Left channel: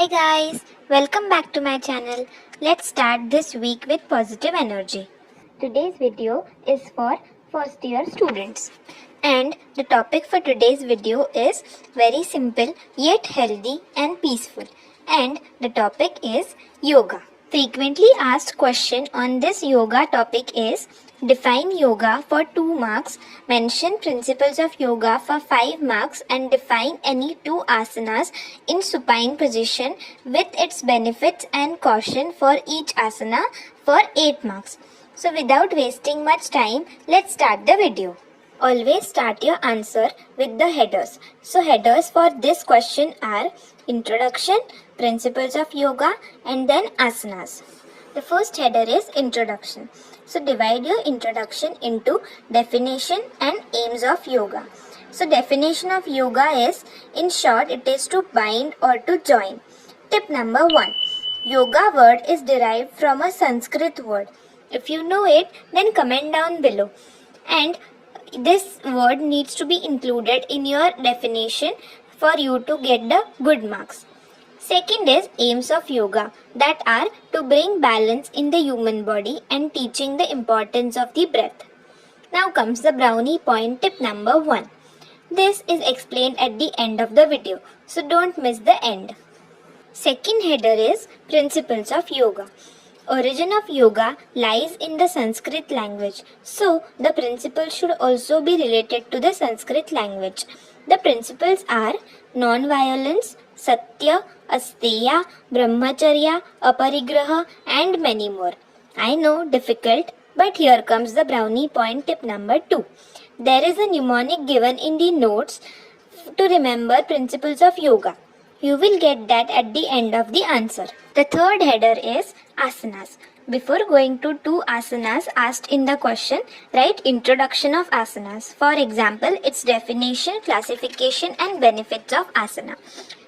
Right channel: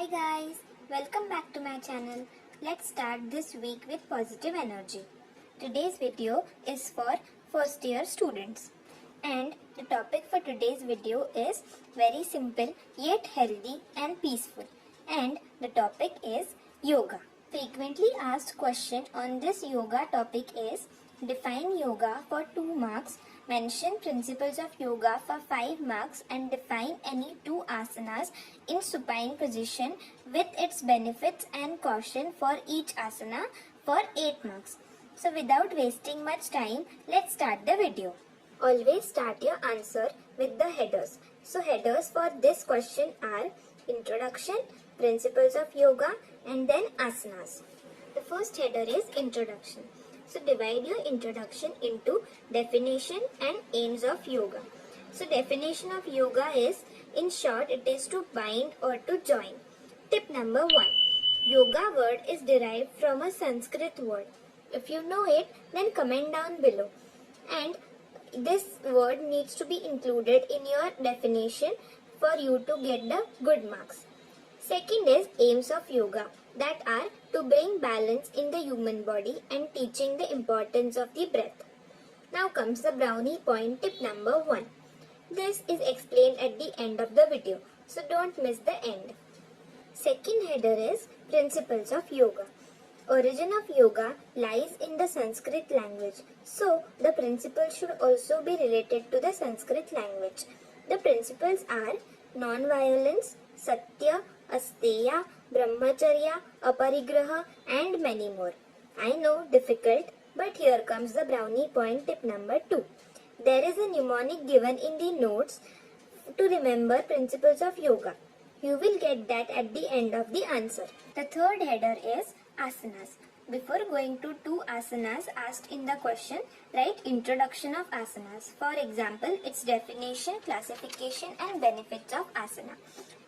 Hi guys, welcome back to my channel. Let's start this week with positive energy. Today's video is for first year students. And the topic for today's video is very simple yet healthy and peaceful. And the topic is yoga. Frequently asked question on this yoga topic is define yoga for 2 marks, mention principles of yoga for 5 marks and define any 2 asanas in supine position with its benefits and caution for each asana for 8 marks. So without wasting much time, let's start the video. Always start your answer with the headers. So headers for this question are introduction, principles of yoga and then asanas. The first header is introduction. So divide your introduction into definition and aims of yoga. So definition of yoga is, in short, it is to bind or to join. Tip number 1. Yoga word is derived from a Sanskrit word. If you know it, then comment down below. And this word needs to be included in your definition for you to get the good marks. Second is aims of yoga, that are to bring balance in the human body and teaching the importance of the breath. Now comes the brownie point tip number 1. This is explained at the end of the video, so don't miss the end. Second header is principles of yoga. Origin of yoga lies in the Sanskrit language, so the principles should also be related to the Sanskrit language. The principles are non-violence, satya, asteya, brahmacharya, aparigraha and many more. I know, difficult, but here comes the brownie point tip number 2. There is a mnemonic given in the notes to remember principles of yoga. You will get that at the end of the answer. The third header is asanas. Before going to 2 asanas asked in the question, write introduction of asanas. For example, its definition, classification and benefits of asana.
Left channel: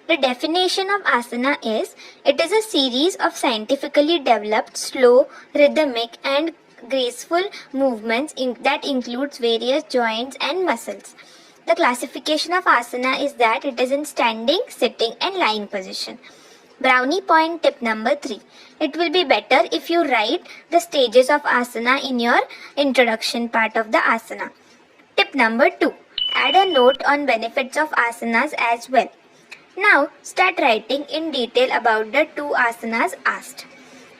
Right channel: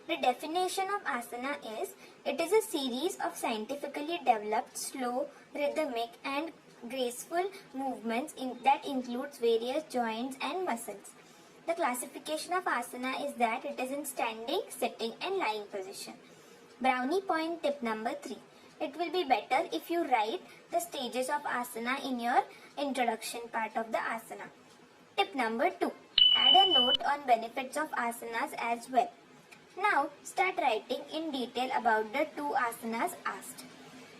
The definition of asana is, it is a series of scientifically developed, slow, rhythmic and graceful movements that includes various joints and muscles. The classification of asana is that it is in standing, sitting and lying position. Brownie point tip number 3. It will be better if you write the stages of asana in your introduction part of the asana. Tip number 2. Add a note on benefits of asanas as well. Now start writing in detail about the 2 asanas asked.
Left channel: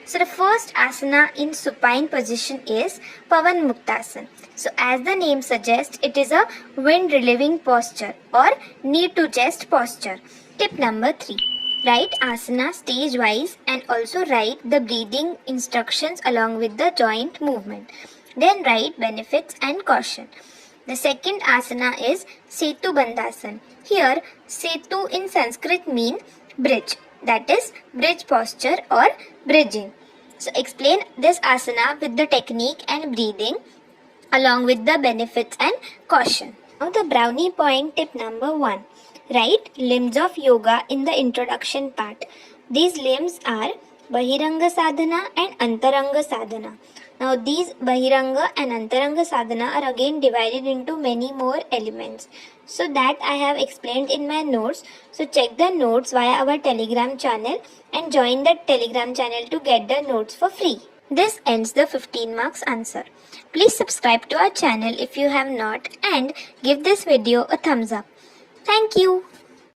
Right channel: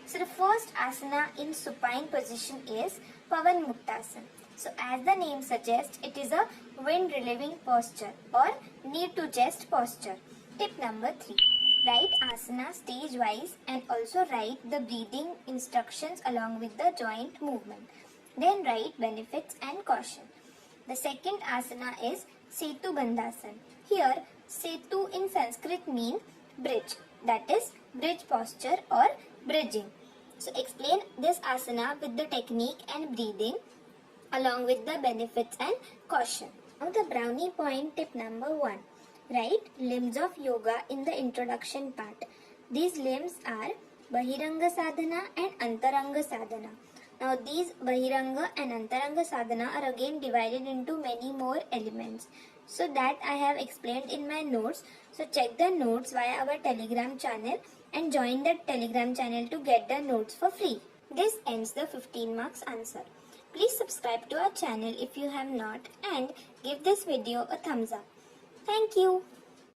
So the first asana in supine position is Pavan Muktasana. So as the name suggests, it is a wind relieving posture or knee to chest posture. Tip number 3. Write asana stage wise and also write the breathing instructions along with the joint movement. Then write benefits and caution. The second asana is Setu Bandhasana. Here Setu in Sanskrit mean bridge, that is bridge posture or bridging. So explain this asana with the technique and breathing along with the benefits and caution. Now the brownie point tip number 1. Write limbs of yoga in the introduction part. These limbs are Bahiranga Sadhana and Antaranga Sadhana. Now these Bahiranga and Antaranga Sadhana are again divided into many more elements. So that I have explained in my notes. So check the notes via our Telegram channel and join the Telegram channel to get the notes for free. This ends the 15 marks answer. Please subscribe to our channel if you have not and give this video a thumbs up. Thank you.